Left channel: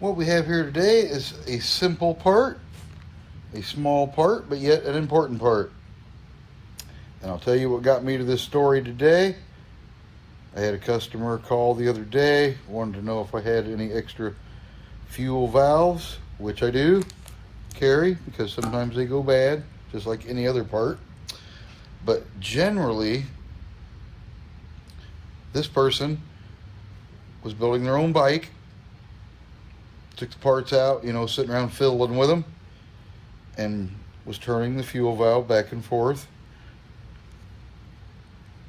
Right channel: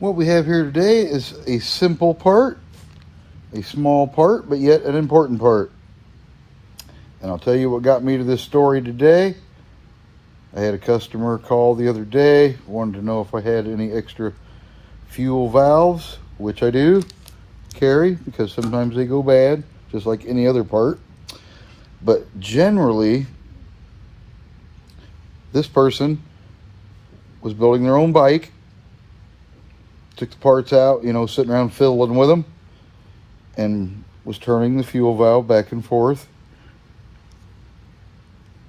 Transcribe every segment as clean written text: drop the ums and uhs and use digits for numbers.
What we have here today is a simple part, a small part, but yet an important part. And I'll tell you what got me to this story today. I had a customer call the other day, wanted to know if I had any extra fuel valves, which I do carry because sometimes they go bad, just like any other part. But generally, this person was building their own bike, took the parts out, sitting around fiddling with them, and was turning the fuel valve back and forth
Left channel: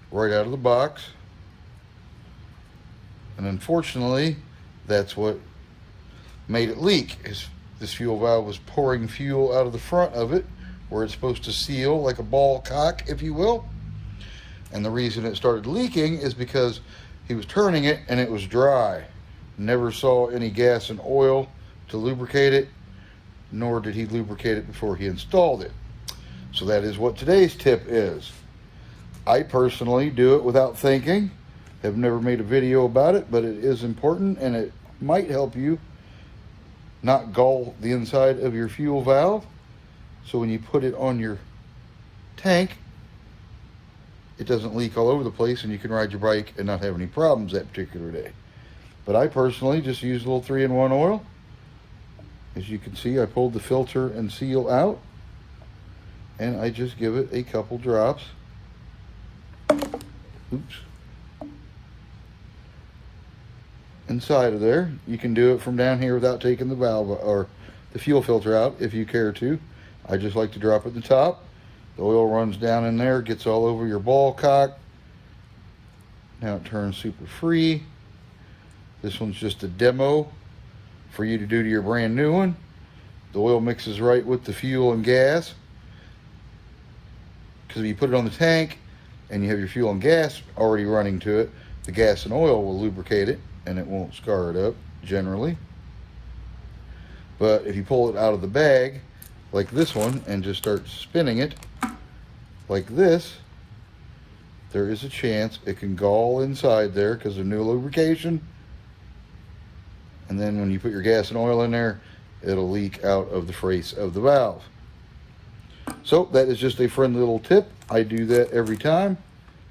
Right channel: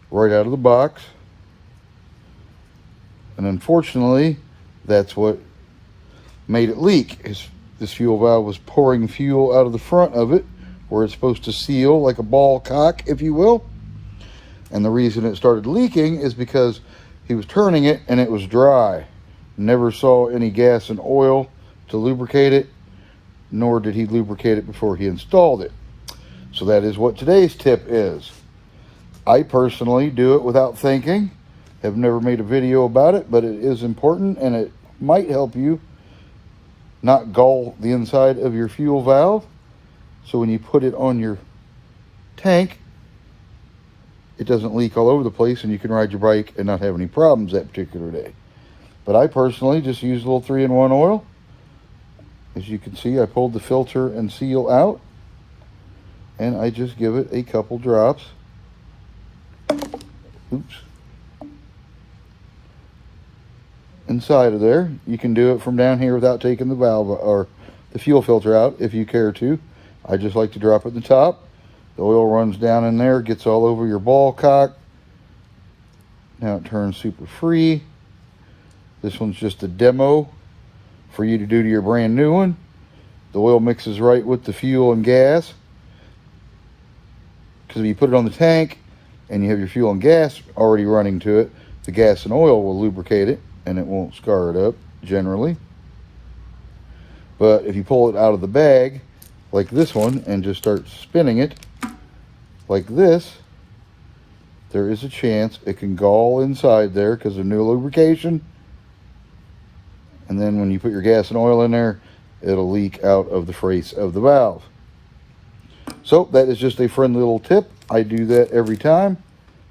right out of the box. And unfortunately, that's what made it leak. This fuel valve was pouring fuel out of the front of it, where it's supposed to seal like a ball cock, if you will. And the reason it started leaking is because he was turning it and it was dry. Never saw any gas and oil to lubricate it, nor did he lubricate it before he installed it. So that is what today's tip is. I personally do it without thinking. Have never made a video about it, but it is important and it might help you not gull the inside of your fuel valve. So when you put it on your tank, it doesn't leak all over the place and you can ride your bike and not have any problems that particular day. But I personally just use a little 3-in-1 oil. As you can see, I pulled the filter and seal out, and I just give it a couple drops. Oops. Inside of there. You can do it from down here without taking the valve or the fuel filter out if you care to. I just like to drop at the top. The oil runs down in there, gets all over your ball cock. Now it turns super free. This one's just a demo for you to do to your brand new one. The oil mixes right with the fuel and gas, because if you put it on the tank and you have your fuel and gas already running to it, the gas and oil will lubricate it and it won't scar it up generally. But if you pull it out of the bag like this one and just start spinning it like this, there is a chance it can gall inside there because of new lubrication. And then when you put your gas and oil in there, it'll leak out of the face of the valve. So that is just a friendly little tip. I do that every time.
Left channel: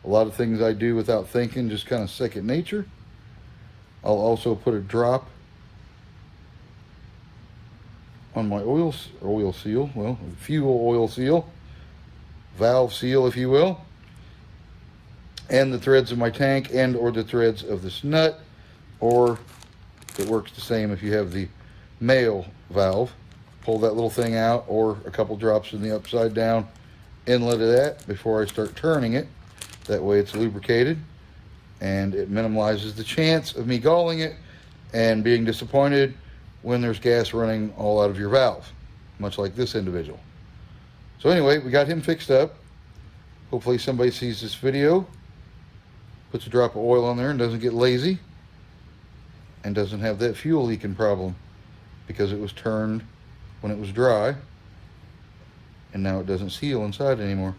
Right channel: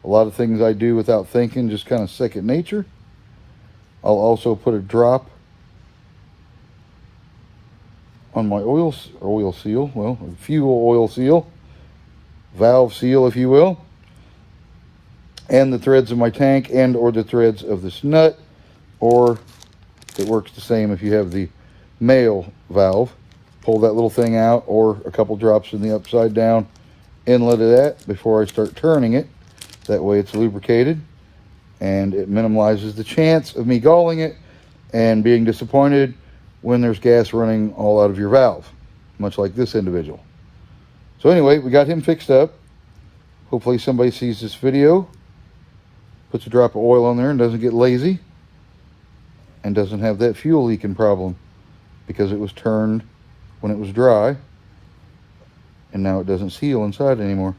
A lot of things I do without thinking, just kind of second nature. I'll also put a drop on my oil seal, well, fuel oil seal, valve seal, if you will, and the threads of my tank and or the threads of this nut, or it works the same if you have the male valve. Pull that little thing out, or a couple drops in the upside down inlet of that before I start turning it. That way it's lubricated and it minimizes the chance of me galling it and being disappointed when there's gas running all out of your valve, much like this individual. So anyway, we got him fixed up. Hopefully somebody sees this video, puts a drop of oil on there and doesn't get lazy, and doesn't have that fuel leaking problem because it was turned when it was dry and now it doesn't seal inside anymore.